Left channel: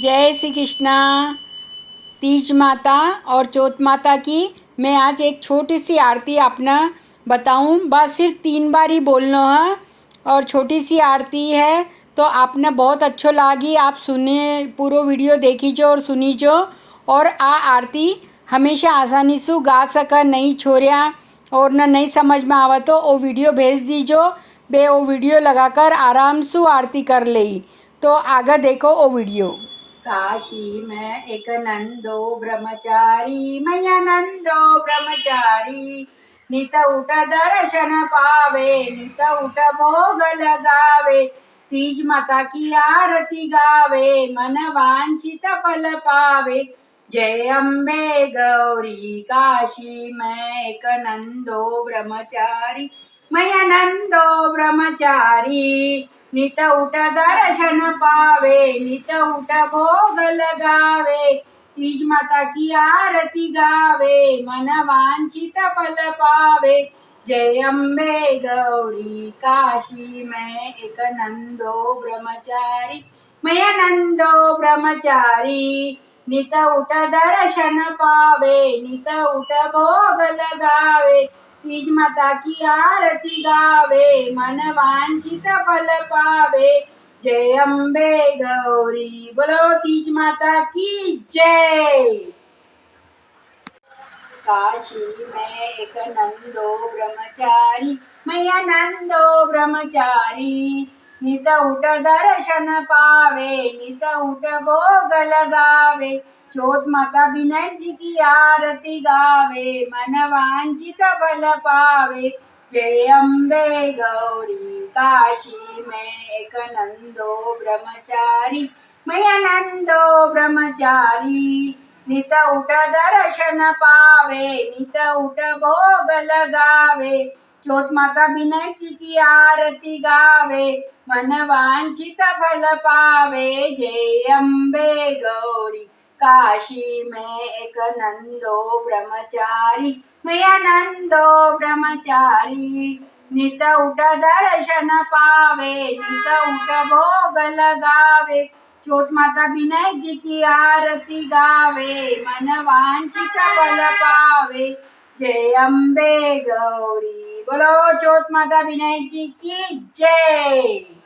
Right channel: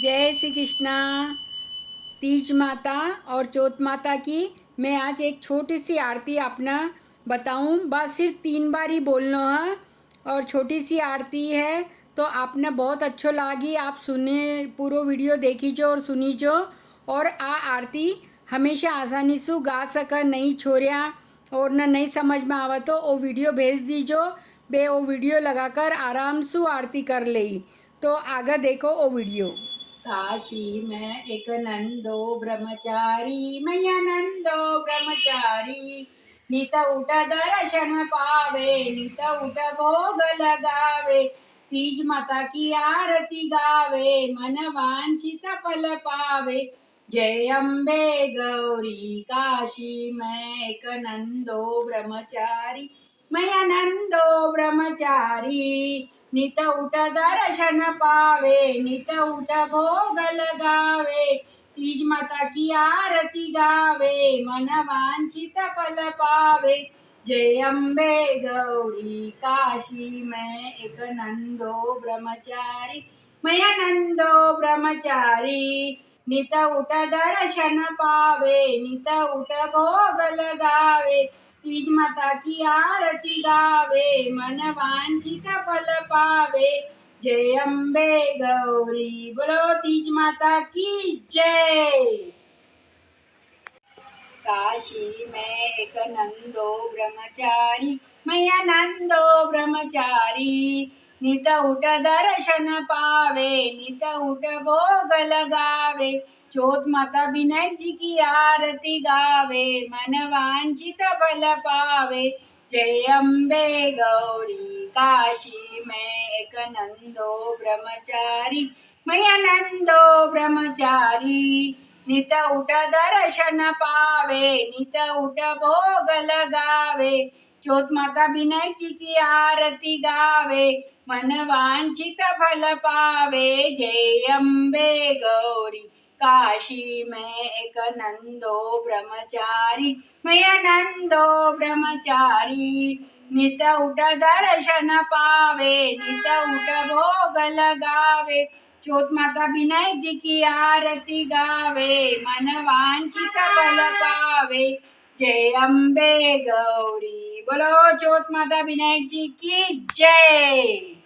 जय श्री कृष्णा। तीज माता और चौथ माता की मैं आज एक छोटी सी आरती अपना बताऊं। बस सिर्फ 3 बार ही बोलना है और छोटी सी आरती है तो आपने बहुत अच्छो लागी। आप सुने पूरा वीडियो देखी जो और सुनी जो और आ आरती हमेशा आसानी से गा सका नहीं छोड़िया और न नहीं समझ में आवा तो वो वीडियो भेज दीजो। बे वो वीडियो लगाकर आराम से आरती कर ली। तो आगे देखो वो वीडियो। काशी में एक नंदो ब्रह्मचारी मैया नंदो ब्रह्मचारी नित उठ दर्शन पावे नित उठ भोग लगावे तीज माता की आरती गावे मन वांछित फल पावे। जय अम्बे गौरी काशी में एक नंदो ब्रह्मचारी मैया नंदो ब्रह्मचारी नित उठ दर्शन पावे नित उठ भोग लगावे तीज माता की आरती गावे मन वांछित फल पावे। जय अम्बे गौरी काशी में एक नंदो ब्रह्मचारी मैया नंदो ब्रह्मचारी नित उठ दर्शन पावे नित उठ भोग लगावे तीज माता की आरती गावे मन वांछित फल पावे। जय अम्बे गौरी बोलो तीज माता की जय। काशी में एक नंदो ब्रह्मचारी मैया नंदो ब्रह्मचारी नित उठ दर्शन पावे नित उठ भोग लगावे चौथ माता विनायक जी की आरती गावे मन वांछित फल पावे। जय अम्बे गौरी काशी में एक नंदो ब्रह्मचारी मैया नंदो ब्रह्मचारी नित उठ दर्शन पावे नित उठ भोग लगावे चौथ माता विनायक जी की आरती गावे मन वांछित फल पावे। जय अम्बे गौरी काशी में एक नंदो ब्रह्मचारी मैया नंदो ब्रह्मचारी नित उठ दर्शन पावे नित उठ भोग लगावे चौथ माता विनायक जी की आरती गावे मन वांछित फल पावे। जय अम्बे गौरी बोलो चौथ माता विनायक जी की जय।